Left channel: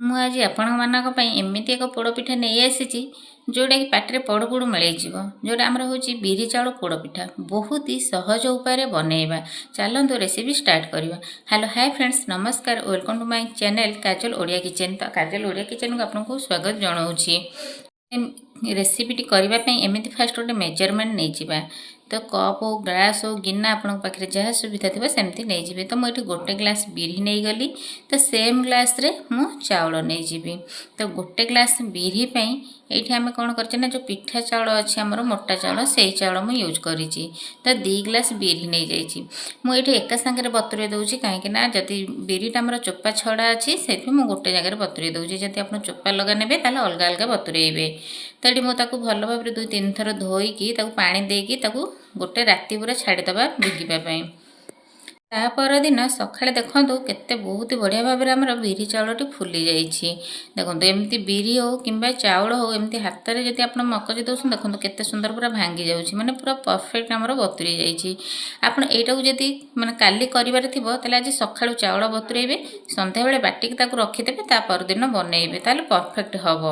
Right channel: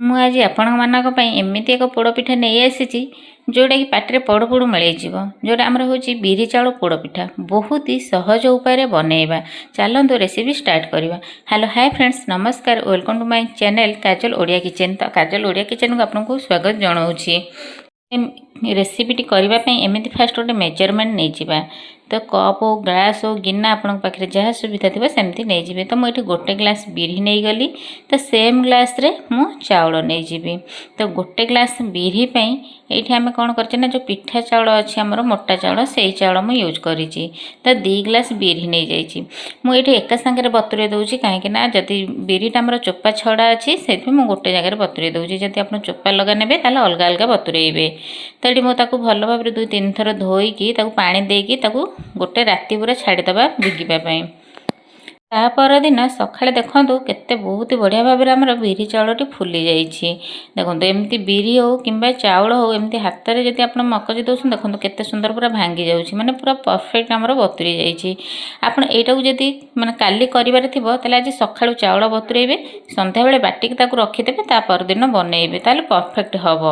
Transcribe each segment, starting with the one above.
ମୁଁ ଆଜି ଆପଣମାନଙ୍କ ପାଇଁ ଏମିତି ଏକ ପୋଡ଼ପିଠା ନେଇ ଆସିଛି ଯେଉଁଟାକି ପାଟିରେ ପୋଡ଼ ପୋଡ଼ ମିଳେଇଯିବ। ଯେଉଁଟା ଆମର ହେଉଛି ବିରି ଚାଉଳ ପୋଡ଼ପିଠା। ବହୁତ ହି ସହଜ ଉପାୟରେ ବନେଇବା। ଚାଲନ୍ତୁ ରେସିପି ଷ୍ଟାର୍ଟ କରିବା। ହ୍ୟାଲୋ ହାଇ ଫ୍ରେଣ୍ଡସ୍, ନମସ୍କାର, welcome to my channel Kajal Odia kitchen. ତ କାଜଲ ଓଡ଼ିଆ କିଚେନ୍କୁ ଆପଣଙ୍କୁ ସ୍ୱାଗତ ଜଣାଉଛି। ରେସିପିଟି କରିବା ପାଇଁ ଏମିତି ଫାଷ୍ଟ ଗୋଟେ ମେଜରମେଣ୍ଟ ନେଇଯିବା। ତ କପ୍ ହଉ, ଗ୍ଲାସ୍ ହଉ, ଗିନା ଆପଣଙ୍କ ପାଖରେ ଯାହା ସୁବିଧା ଥିବ ସେମିତି ନେଇଯିବେ। ତ ମୁଁ ଏଠି ଗୋଟେ ଗ୍ଲାସ୍ ବିରି ନେଇଗଲି। ତ ସେମ୍ ଗ୍ଲାସ୍ରେ ମୁଁ ଚାଉଳ ନେଇଯିବି। ତ ଗୋଟେ ଗ୍ଲାସ୍ ବିରି ପାଇଁ ଏଇଠି ଆମେ କ'ଣ କରିଛେ ନା, ଯେଉଁ ପିଠା ଚାଉଳ ଅଛି ଆମର ମୋଟା ଚାଉଳ, ସେଇ ଚାଉଳ ମୁଁ ୟୁଜ୍ କରିଛି। ତ 2 ଗ୍ଲାସ୍ ବିରି ନେଇଯାଇଛି। ମୁଁ ଏଇଠି ଏକା ସାଙ୍ଗରେ ବତୁରେଇ ଦେଉଛି, କାହିଁକି ନା ଯଦି ବିରିଟା ଆମର ଚୋପା ଛଡ଼ା ଅଛି ସେଥିପାଇଁ ମୁଁ ଗୋଟେ ଜାଗାରେ ବତୁରେଇ ଦେଉଛି। ଯଦି ଆପଣ ଚୋପା ଲଗା ନେବେ ତାହେଲେ ଅଲଗା ଅଲଗା ବତୁରେଇବେ। ତ ଏଠି ମୁଁ ତାକୁ ଭଲ ଭାବରେ 2-3 ଥର ଧୋଇକି ତାକୁ ପାଣି ଦେଇକି ତାକୁ ଗୋଟେ ରାତି ପୁରା ଛାଡ଼ିଦେବା ଭିଗିବା ପାଇଁ। ତା ପରଦିନ ସକାଳେ ଦେଖନ୍ତୁ କେତେ ବହୁତ ବଢ଼ିଆ ଭାବରେ ଆମର ବିରି ଚାଉଳଟି ଫୁଲି ଯାଇଛି। ଦେଖନ୍ତୁ ଏମିତି ବିରି ହେଉ କିମ୍ବା ଚାଉଳ ହେଉ ଏମିତି ହାତରେ ଯଦି ଆପଣ ମକଚି ଦେଉଛନ୍ତି, ଦେଖନ୍ତୁ କେତେ ସୁନ୍ଦର ପୁରା ଭାଙ୍ଗି ଯାଉଛି, ମାନେ ପୁରା ପରଫେକ୍ଟ ଆମର ବତୁରି ଯାଇଛି। ଆପଣ ଏଇଟାକୁ ଯଦି ମାନେ କାଲି କରିବାର ଥିବ ତାହେଲେ ଆଜି ସକାଳୁ ଚାଉଳ ବତୁରେଇବେ, ସନ୍ଧ୍ୟାବେଳେ ବାଟିକି ତାକୁ ରଖିଦେବେ, ତା ପରଦିନ ବନେଇବେ, ତାହେଲେ ପରଫେକ୍ଟ ହେବ।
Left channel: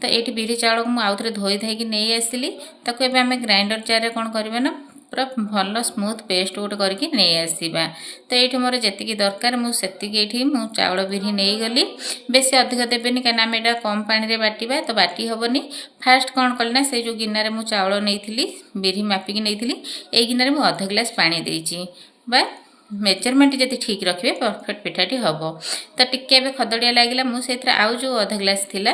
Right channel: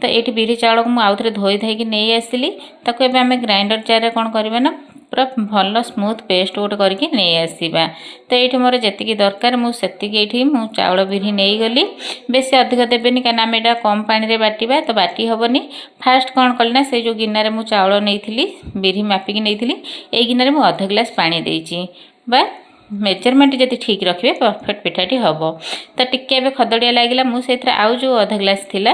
ତ ଏଇଠି ବିରି ଚାଉଳକୁ ମୁଁ ଆଉଥରେ ଧୋଇ ଧାଇକି ନେଇ ଆସିଲି। ତାକୁ ଏବେ ଆମେ ଗ୍ରାଇଣ୍ଡର ଜାରରେ କ'ଣ କରିବା ନା, ପୁରା ଭଲ ସ୍ମୁଥ୍ ପେଷ୍ଟ ଗୋଟେ କରିକି ନେଇ ଆସିବା। ତ ଏଇଠି ମୋର ଯେତିକି ଦରକାର ମୁଁ ସେତିକି ଏଇଠି ମୁଁ ଚାଉଳ ବିରି ନେଇଗଲି। ବେଶୀ ଅଧିକ ଦେବେନି, କାହିଁକିନା ଆମେ ଏଇଟା କମ୍ ପାଣିରେ ବାଟିବା, ତ ବାଟି ହେବନି। ଫାଷ୍ଟ କ'ଣ କଲି ନା, ସେଇ ଯେଉଁ ଗିନାରେ ମୁଁ ଚାଉଳ ନେଇଥିଲି, ବିରି ମାପିକି ନେଇଥିଲି, ଏଇ ଗିନାରେ ମୁଁ ଅଧ ଗ୍ଲାସ୍ ପାଣି ଦେଇଛି। ବା ମେଜରମେଣ୍ଟ ଯଦି ଠିକ୍ ରଖିବେ ପରଫେକ୍ଟ ପିଠାଟି ହେବ। ତ ଟିକେ ଏବେ ଖଦଡ଼ିଆ ଲାଗିଲା, ମୁଁ ସେଇଥିରେ ଆଉ ଯେଉଁ ଅଧ ଗ୍ଲାସ୍ ଥିଲା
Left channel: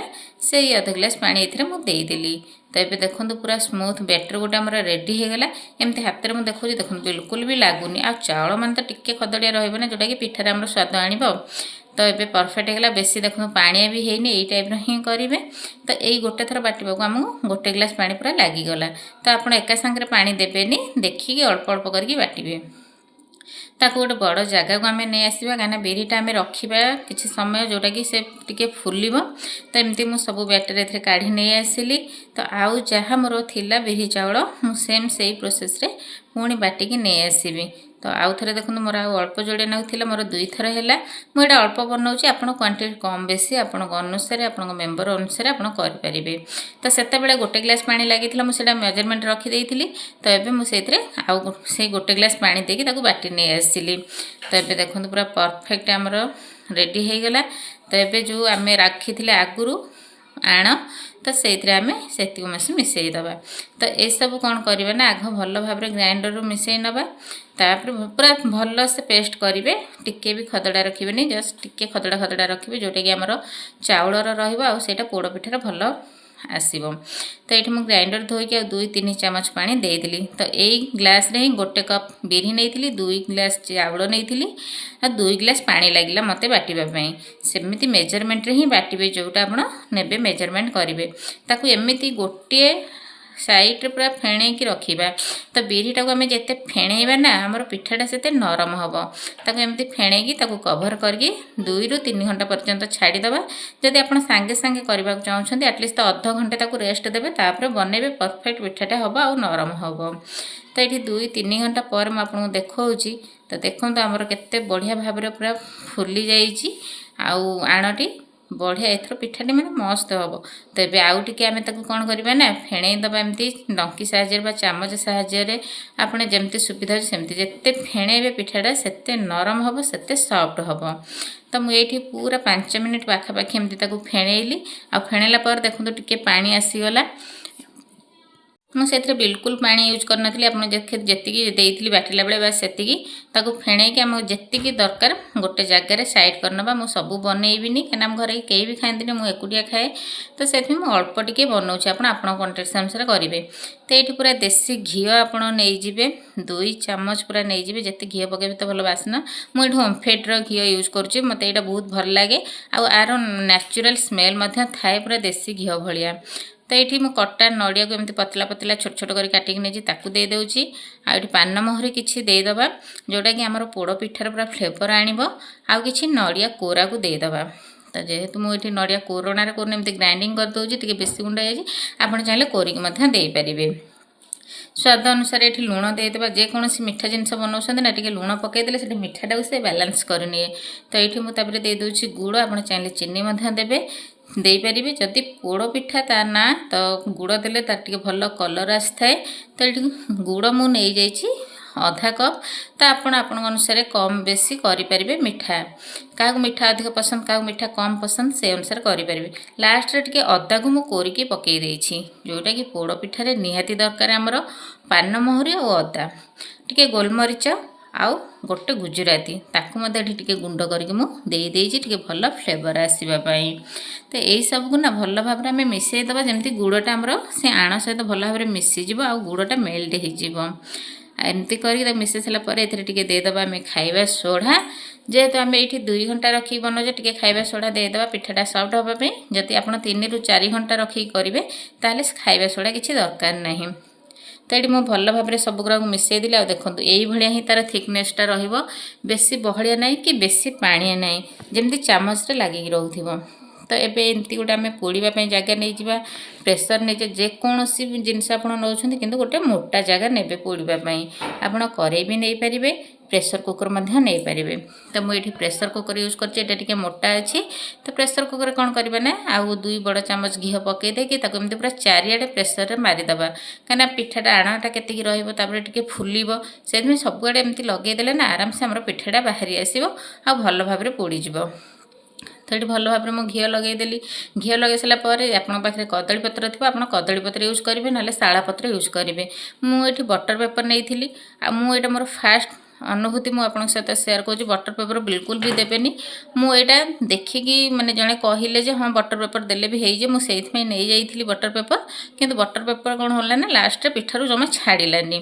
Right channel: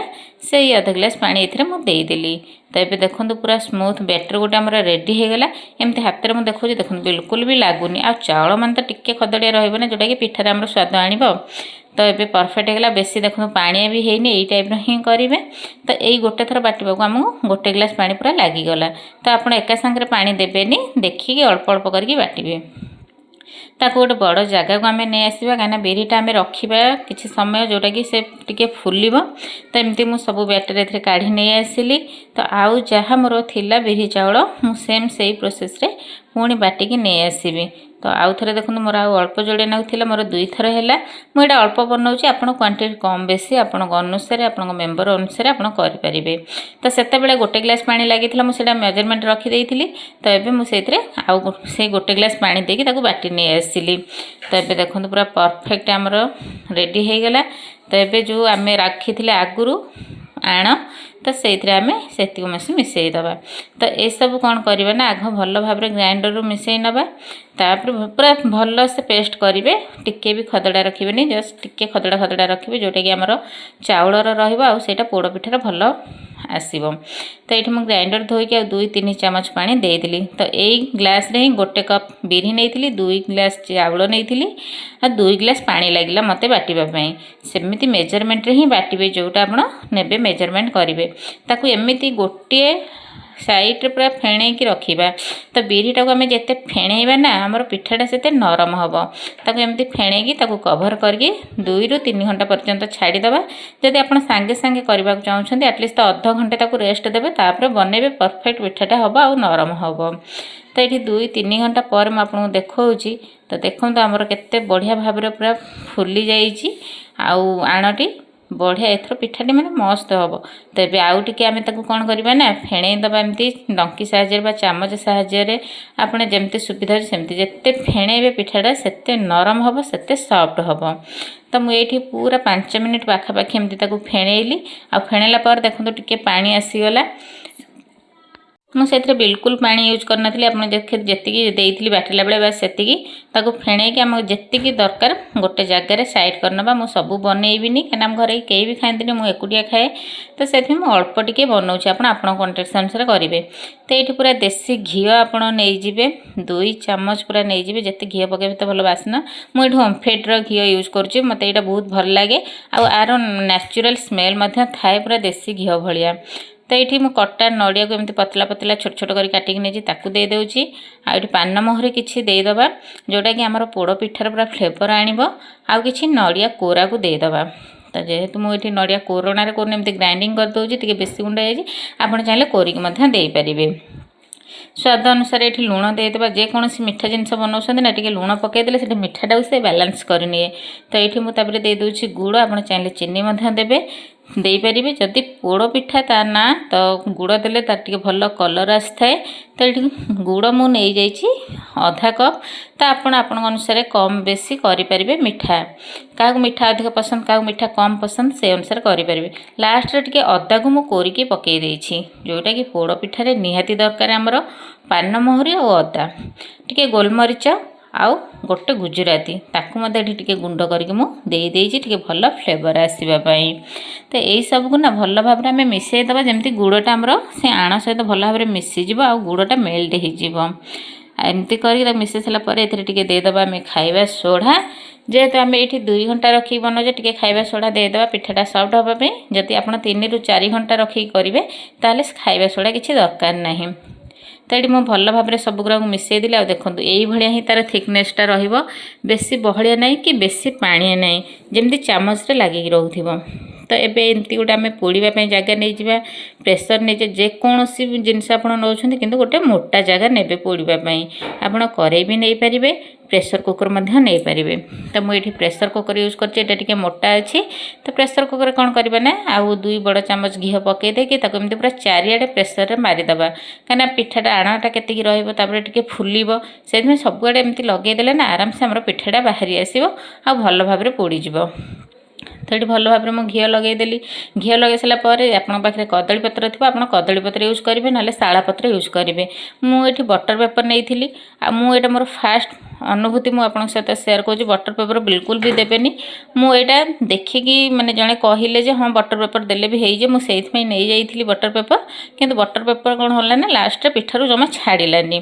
ସେଇ ଅଧ ଗ୍ଲାସ୍ ପାଣି ଏଥିରେ ମୁଁ ଦେଇଦେଲି। ତ ଏବେ ଦେଖନ୍ତୁ ପୁରା ସ୍ମୁଥ୍ ବ୍ୟାଟର ଗୋଟେ ଆମର ରେଡ଼ି ହୋଇଗଲା। ଏମିତି ହାତରେ ମୁଁ ଦେଖାଉଛି, ଦେଖନ୍ତୁ ବିଲକୁଲ ବି ଲାଗୁନି। ଆଉ ଚାଉଳ ମାନେ ତ ଟିକେ ଖଦଡ଼ିଆ ରହିବ ନା, ଯେଉଁଟାକି ପିଠାରେ ଆମର ସ୍ୱାଦ ଆଣିବ। ତ ଏବେ ପରଫେକ୍ଟ ହେଇଗଲା, ବେଶୀ ଦେଖନ୍ତୁ ପାଣିଆ ବି ହେଇନି, ଏଇ ଟାଇପ୍ର ହିଁ କରିବେ। ତ ଏଇ ଗୋଟେ ଥର ବାଟିବାକୁ ଆମକୁ ଗୋଟେ ଗ୍ଲାସ୍ ପାଣି ପୁରା ଲାଗିଗଲା। ତ ଆପଣ ଏକା ସାଙ୍ଗରେ ପାଣି ଦେବେନି, ଦେଖିକି ଅଳ୍ପ ଅଳ୍ପ କରିକି ବାଟିବେ। ତାକୁ ଗୋଟେ ବଡ଼ ଜାଗାକୁ ଆମେ ନେଇ ଆସିବା, କାହିଁକିନା ବିରିଟା ଆମେ ରଖିବା କିଛି ସମୟ, ଯେଉଁଟାକି ସେ ଟିକେ ଫୁଲିବ। ତ ଏମିତି ମୁଁ ସବୁ ବ୍ୟାଟର ଏଥିରେ କାଢ଼ି ନେଇ ଆସିଲି। ତ ଆଉ ଯାହା ମୋର ଥିଲା ବିରି ଚାଉଳ ମୁଁ ସେଇ ପ୍ରୋସେସ୍ରେ ପୁଣି ବାଟିକି ନେଇ ଆସିବି। ତ ଆଉ ଥରେ ଦେଖନ୍ତୁ ମୋର ଆଉ ଅଳ୍ପ ଯୋଡ଼େ ଥିଲା, ମୋର 2 ଥର ହେଲା। ମୁଁ ଏଇଟା ଅଳ୍ପ ବନାଉଛି, ଆପଣ କ୍ୱାଣ୍ଟିଟି କମ୍ ବେଶୀ ଆପଣଙ୍କ ଅନୁସାରେ, ଆପଣଙ୍କ ମେମ୍ବର ଅନୁସାରେ ଆପଣ କରିପାରିବେ। ତ ସେତେବେଳେ ଗୋଟେ ଗ୍ଲାସ୍ ପାଣି ଲାଗିଥିଲା, ମୁଁ ସେଇଟା ମେଜରମେଣ୍ଟ ରଖିଦେଇଥିଲି। ତ ଏବେ ମୁଁ ସେଇଥିରେ ଆଉ ସେଇ ଗୋଟେ ଗ୍ଲାସ୍ ପାଣି ଦେଇକି ତାକୁ ବାଟି ନେଇ ଆସିଲି। ତ ଏବେ ଦେଖନ୍ତୁ ପୁରା ପରଫେକ୍ଟ ଆମର ରେଡ଼ି ହୋଇଗଲା। ତ ଏବେ ଯେଉଁ ଆମେ ରଖିଥିଲେ ଆଗରୁ ଆଣ, ତ ସେଇଥିରେ ଆମେ ସେତିକି ମିଶାଇ ଦେବା। ତ ଏସବୁ କ'ଣ କରିବା ନା, ଆଗ ଭଲ ଭାବରେ ଗ୍ରାଇଣ୍ଡରରୁ ମିଶାଇ ନେବା। ତାପରେ ପୁରା ଭଲସେ ପେଷ୍ଟ କରିବେ, ଟିକେ ବି ଖଦଡ଼ା ରଖିବେନି, ଜଷ୍ଟ ଟିକେ ଖଦଡ଼ା ରଖିବେ, ଯେଉଁଟାକି ଆମର ଚାଉଳର ରହିବ ଆଉ ସେଇଟା ପୋଡ଼ପିଠାର ଭଲ ଆସିବ। ତ ଏଇଠି ମୁଁ ଗ୍ରାଇଣ୍ଡର ଧୋଇକି ଆଉ 2-3 ଚାମଚ ପାଣି ଦେଇଦେଲି। ତ ଏଇ ଗ୍ଲାସ୍ରେ ହିଁ 1 କପ୍ ବିରି ନେଇଥିଲି, 2 ଗ୍ଲାସ୍ ଚାଉଳ ନେଇଥିଲି, ଆଉ 2 ଗ୍ଲାସ୍ ପାଣି ଲାଗିଲା ମୋତେ ବାଟିବା ପାଇଁ। ସେମିତି ମେଜରମେଣ୍ଟରେ ହିଁ ବାଟିବେ, ଯେଉଁଟା ଆପଣ ନେବେ ମେଜରମେଣ୍ଟ କରିବେ। ତାକୁ ଏମିତି ଗୋଟିଏ ସାଇଡ଼୍ରେ ପୁରା ଫେଣେଇକି ରଖିବା। ତ ବିରିଟାକୁ ଆମେ ଯେତେ ଫେଣେଇବା ନା, ଆମର ପିଠାଟା ସେତେ ନରମ ହେବ। ତାକୁ ଏମିତି ଫେଣେଇକି ତାକୁ କଭର କରିକି 2-3 ଘଣ୍ଟା ପର୍ଯ୍ୟନ୍ତ ଛାଡ଼ିଦେବା। ଯଦି ଆପଣ ସାଙ୍ଗେ ସାଙ୍ଗେ କରିବାକୁ ଚାହୁଁଛନ୍ତି, ଆଟଲିଷ୍ଟ ଅଧଘଣ୍ଟେ ତାକୁ ରେଷ୍ଟ ଦେବେ, ତାପରେ ବନେଇବେ, ପରଫେକ୍ଟ ପିଠାଟା ହେବ ଆଉ ନରମ ହେବ। ତ ଏଠି 2-3 ଘଣ୍ଟା ପରେ ମୁଁ ଆପଣଙ୍କୁ ଦେଖାଉଛି। ତ ଦେଖନ୍ତୁ ଆମର କେତେ ବଢ଼ିଆ ଭାବରେ ପୁରା ଫୁଲି ଯାଇଛି, ଆଉ ଆଣଟି ବଢ଼ିଆ, ଏଥର ପିଠାଟି ମାନେ ମସ୍ତ ହେବ। ତ ଏବେ ଆଉ ଟିକେ ଆମେ ତାକୁ କ'ଣ କରିବା ନା, ଫେଣେଇ ଦେବା ଏମିତି ଡଙ୍କି ସାହାଯ୍ୟରେ ବା ଚାମଚ ସାହାଯ୍ୟରେ, ଆପଣ ଯେମିତି ସୁବିଧା ଅଛି ସେମିତି। ଯେତେ ଫେଣେଇବେ ପିଠାଟା ସେତେ ନରମ ହେବ, ସେତେ ସଫ୍ଟ ହେବ। ତ ମୁଁ ଏଇଠି ପୁରା 5 ମିନିଟ୍ ପାଖାପାଖି ଏମିତି ତାକୁ ଫେଣେଇଲି। ଆଉ ଫେଣେଇଲା ପରେ ଦେଖନ୍ତୁ ଟିକେ ପାଣି ଆସିଗଲା। ମୁଁ ସେଥିରେ ବିଲକୁଲ ପାଣି ୟୁଜ୍ କରିନଥିଲି, ଆପଣ ଯେତିକି ଦେଇଥିଲି ବାଟିଲା ବେଳେ ବାସ୍ ସେତିକି। ତାକୁ ଫେଣେଇକି ଆମକୁ ଯେତିକି ଦରକାର ଗୋଟେ ଜାଗାରେ ସାଇଡ଼୍ କରିନେବା। ମୁଁ ସବୁ ବନେଇବିନି, କାହିଁକିନା ଆମ ଘରେ କେହି ବି ଖାଆନ୍ତିନି, ମୁଁ ଏକୁଟିଆ ଖାଏ। ତ ସେଥିପାଇଁ ମୁଁ ଅଳ୍ପ ଟିକେ ବନାଉଛି, ଆପଣ ଆପଣଙ୍କ କ୍ୱାଣ୍ଟିଟି ଅନୁସାରେ କରିବେ। ତ ଏଇଠି ପୁରା ଦେଶୀ ଘିଅ ଆପଣ ନେଇଯିବେ, 2 ଚାମଚ ପୁରା ନେଇଯିବେ। ଯେତେ ଘିଅ ପକାଇବେ ତ ଭଲ ବାସ୍ନା। ମୁଁ ଏଇଠି ଓମଫେଡ଼ର ଘିଅ ୟୁଜ୍ କରୁଛି, ମୋତେ ଏଇଟା ବହୁତ ଭଲ ଲାଗେ। ଆଉ ଆର ନ୍ୟାଚୁରାଲ୍ ସ୍ମେଲ୍ ମଧ୍ୟ ଥାଏ, ପୁରା ଦେଶୀ ଘିଅ ଭଳିଆ। ତ ଏଇଠି ମୁଁ କଟା ନଡ଼ିଆକୁ ଏମିତି ପତଲା ପତଲା ଛୋଟ ଛୋଟ କରି କାଟିକି ନେଇଛି, ତାକୁ ଦେଇଦେଉଛି। ଆଉ ଏଇଠି ପାନମହୁରି କିଛି ଦେଇଦେବା, ଯେଉଁଟାକି ଆମର ପୋଡ଼ ପିଠାର ପୁରା ଫ୍ଲେଭର ଆଣିବ। ଆଉ କିଛି ନଡ଼ିଆ କୋରାକୁ ଦେଇଦେବା। ତ ଯେହେତୁ ମୁଁ ଏଇଠି ନଡ଼ିଆ କୋରଣାରେ କରୁନି, ଏମିତି ଗ୍ରାଇଣ୍ଡିଙ୍ଗ କରିଦେଉଛି, ଟିକେ ବେଶୀ ଗୁଣ୍ଡ ହେଇଯାଇଛି, ଆପଣ ଚାହିଁଲେ କୋରିକି ମଧ୍ୟ ଦେଇପାରିବେ। स्वाद अनुसार ये लुण देदेबा जेकोसी मीठा जिनस बनाऊँ ना टी लुण पकईदे से मीठाटा से बालांस करनी तो ये मुझे देदे गुड़ आप चाहिए चीनी देवे देपारे जदि पोड़ पिठा ता ना तो गुड़ देले तार टिके भल कलर आए तो ये गुड़ मुझे आधा कप तो आपण अनुसार कम बेसी करें मीठा क्या मीठा अधिक पसंद क्या मीठा कम पसंद से अनुसार करें लास्ट टे अदा को मुझे कोरिकी पकई देछि जोटा कि पोड़ पिठारे निहाती दरकार आमर पान मोहरी और अदा टिके गोलमरीच आउ गोटे गुजराती ताकू टे गुंड करके मुझे भल फ्लेवर आसवाई तो यही सबको ना भल भाव में मिसईदे जमी गुड़टा आमर से आण सहित भल भाव मिसीज आ गुड़टा मेल्ट होमती करके मिसई सारापर ये देदेबा आम खाଇବା सोढ़ा जेहेतु आम ये 2 घंटा रखी बनाऊे टे खाଇବା सोढ़ा देदेबा पिठाटा सफ्ट हाँपाई जदि आप 3 ରୁ 4 घंटा रखी करेंगे ताहले खाଇବା सोढ़ा किसी दरकार नहीं तो ये मुझे भल भाव सबुरा मिसईदेली आ देखो ये ही तार थिकनेसटा बेसी बहलिया ना कि बेसी पाणिया ना जमी चामच लगिक रोथ तो एबे एमती गोटे आम पोड़ापी जगह नहीं जावा प्रेसर नहीं जेकोसी जिनस आप नौ कि गोटे मोटा जगह ने पोड़ापी आपड़ कड़े भी नहीं पारे प्रेसर कुकर नहीं पारे तो मुझे प्रेसर कुकर यूज कर मोटा अच्छी तो प्रेसर कुकर कौन करवा ना आउ 2 बड़ चामच घी पकई देकी एमती पूरा चारिआडे प्रेसर मारिदेवा कहीं पिठाटा आणाटा केतिकी रे फुल से सबुआड़े एमती लगेदेले ना आराम से आम पिठाटा बाहरी आसो आ भल भाव पोड़ीज तो ये भल भाव में घी लगेदेली घी लगे सारापर आपन पाखे कदली पत्र थी आप कदली पत्र यूज करेंगे ना शाला पत्र यूज करेंगे मुझे बटर पेपर नहीं मुझे मोर फास्ट अनुभूति मुझे सहित सेयार कर बटर पेपर बिल्कुल भी देवेनि मुझा देखिकी माने जड़े कहले हाँ बटर पेपर देले भी हो मुझे नहीं जाइली बटर पेपर किंतु बटर पेपर कौन होला ना लास्ट पिठारू जमा छाड़ानी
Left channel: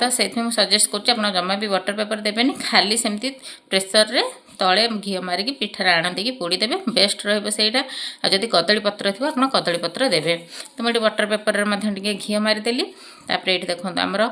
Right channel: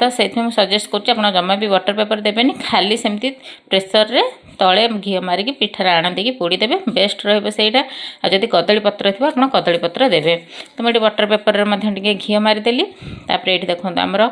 तो से सजेस्ट कर जमा भी बटर पेपर देवेनि खाली सेमती प्रेसर रे तले घी मारिकी पिठार आण देकी पोड़ीदेवे बेस्ट रहीटा आदि कदली पत्र थी आप कदली पत्र देवे तो मुझे बटर पेपर टे घी मारिदेली तापर ये देखो आमर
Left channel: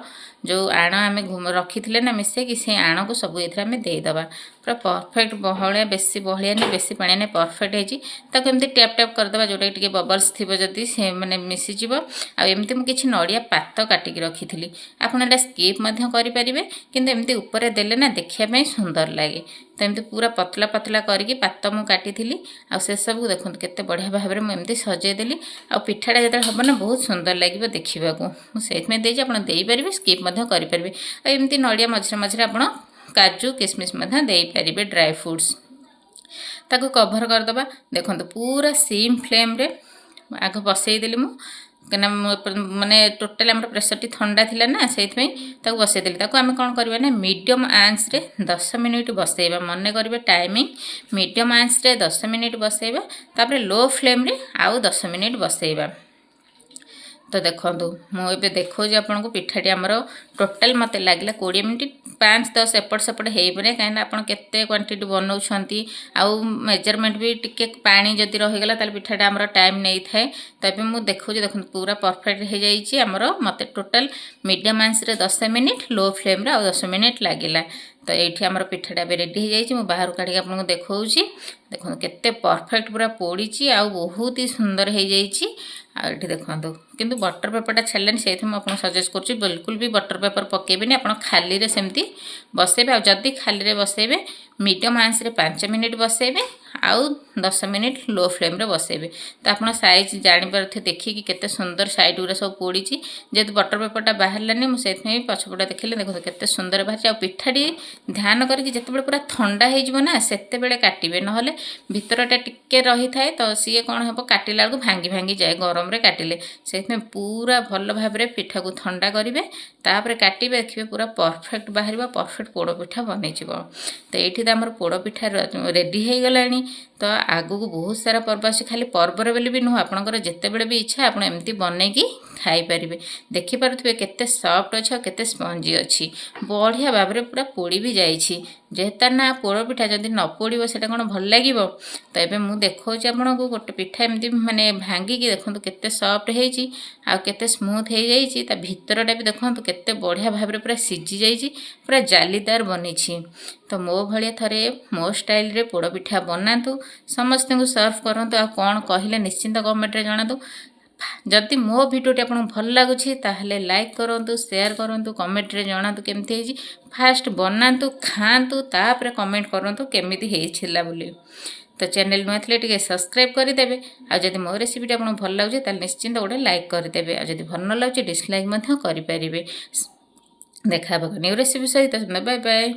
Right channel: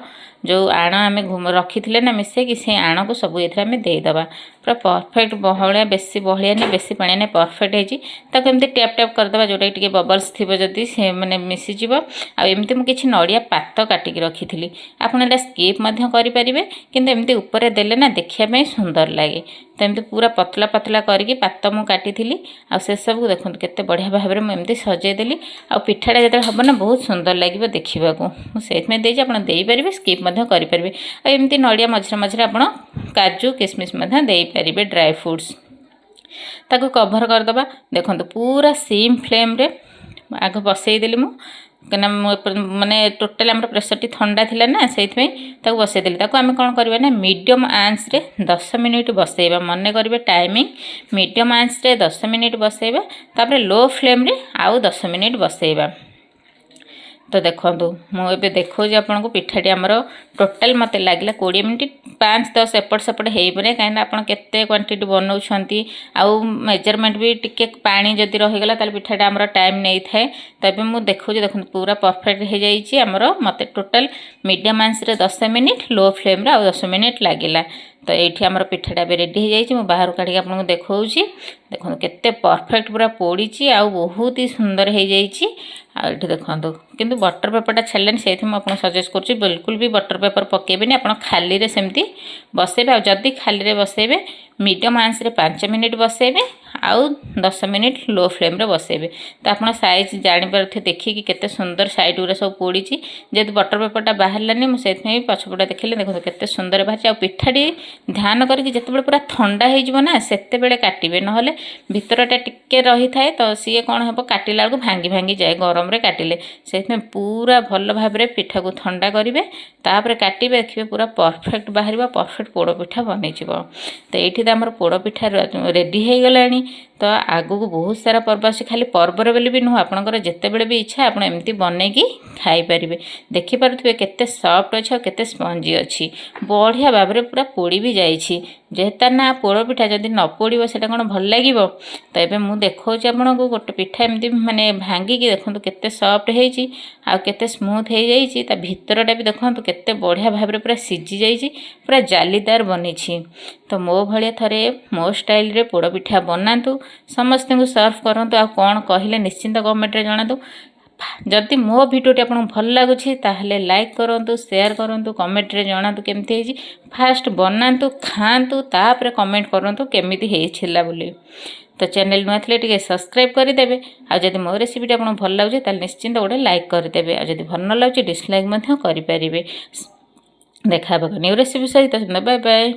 जो आण आम रखी ना मिसेक से आण को सब ये देदेबा पूरा परफेक्ट बहलिया बेसी बहलिया नहीं बेसी पानी नहीं परफेक्ट होती टैप टैप करदे जोटा कि बबल्स थी जदि से मैंने मिसीज आमती मुझे नड़िया पात काटिकी रखी थी आपड़ा स्कीप करेंगे किंतु एमती ऊपर देले ना देखापी सुंदर लगे तो एमती पूरा पतला पतला करके पात मुझे काटी से सब को देखो केते बढ़िया भाव में मुझे सजेदेली आ पिठाटा जो हम ना बहुत सुंदर लगे देखा मुझे देपारे स्कीप करेंगे एमती नड़िया मझे मझे आप काजू किसमिश देपारे ड्राई फ्रूट्स ताको कभर करदबा देखो पूरा सीम फ्लेम रे आग बसईदेली कहीं माने टोटाल आम प्रेसर टी ठंडा थिला ना से बसईदेली आम कौन करवा ना मीडियम आंच रे 10 मिनिट बसईबा मन करेंगे टाइमिंग मीडियम आंच रे 10 मिनिट बसईबा तापर लो फ्लेम रे आउ 10 मिनिट बसईबा तो देखो मुझे देखो आपन को पिठाटी आमर टोटाल मत लगे 20 मिनिट 5-10 एपट सेपट हो पारे कहीं आप क्वांटिटी बनाऊँ आउ मेजरमेंट भी टिके पानी जदि रहीगला पिठाटा आमर टाइम नहीं थाए तबे मुझे देखो देखो पूरा परफेक्ट हो जाइए आमर मत टोटाल मीडियम आंच रे 10 मिनिट लो फ्लेम रे आउ 10 मिनिट लगिला तो ये आमर पिठाटा भी रेडी हो जाइए बाहर काढ़ी आपको देखा देखो केते परफेक्ट पूरा पोड़ी आउ बहुत ही सुंदर हो जाइए आठी देखो किंतु बटर पेपरटा छाड़े से मुझे सजेस्ट कर बिल्कुल भी बटर पेपर पकेबेनि आप खाली रे सेमती बसैबे आ जदि खाली रे बसैबे मीडियम आंच रे 5 मिनिट बसैबे आउ 10 मिनिट लो फ्लेम रे बसैबे तो आप साइज जानीपारे देखिए केते सुंदर साइड गुरा सब पोड़ी जेहेतु बटर पेपरटा बाहरलानी मुझे पछपटा देखिले देखो केते सुंदर बाहर आ पिठाटी ध्यान करके जिते पूरा ठंडा हो सेते काटिबे नहले भितरटा टिके रही थाए तो सी कौन हम काटिला बेलू भांगी भांगी जाए गरम रे काटिले से पूरा भल भाव में पिठा को ठंडा करेंगे तापर काटे देखिए पूरा परफेक्ट बाहर परफेक्ट पोड़ पिठा बन तो ये आम पोड़ पिठा रेडी हो गला तो आगू को बहुत सारा पर्व अच्छे खाली पर्वर बेले भी नुह आपंकर जिते बड़े भी इच्छा आप एमती बनईकी खाईपारे देखिपे केते सफ्ट अच्छे केते स्पंजी अच्छी बढ़िया भाव में पूरा पोड़ी भी जाइए जेहेतार ना पोड़ पिठा जदि न पोड़ से कौन भल लगे तो ये मुझे देखा आपको गोटे पिठा एमती माने भांगिकी देखो केते सफ्ट होती आउ केते स्मूथ हो जाइए ता भितरटा भी देखो केते बढ़िया भाव में पूरा सीझी जाइए पूरा जालीदार बनी तो मो भाया थरे मो स्टाइल रे पोड़ पिठा बनातु समस्त को सर्व करूँ आ कौन कहले निश्चिंत कमेंट रे जणातु जदि मो भिडियोटी आपको भल लगुच ताहले लाइक करूँ शेयर करूँ कमेंट रे जनातु केमती है फास्ट बनातु खातु तापर कमेंट करूँ केमिति होइछिला बोली। तो चैनल नुआ थे टे सब्सक्राइब करदे आदि मो रेसिपी आपको भल लगे तो निश्चिंत गोटे लाइक करदे आदि भल न लगे डिसलाइक करें। देखा न्यू रेसिपी सहित बाय बाय।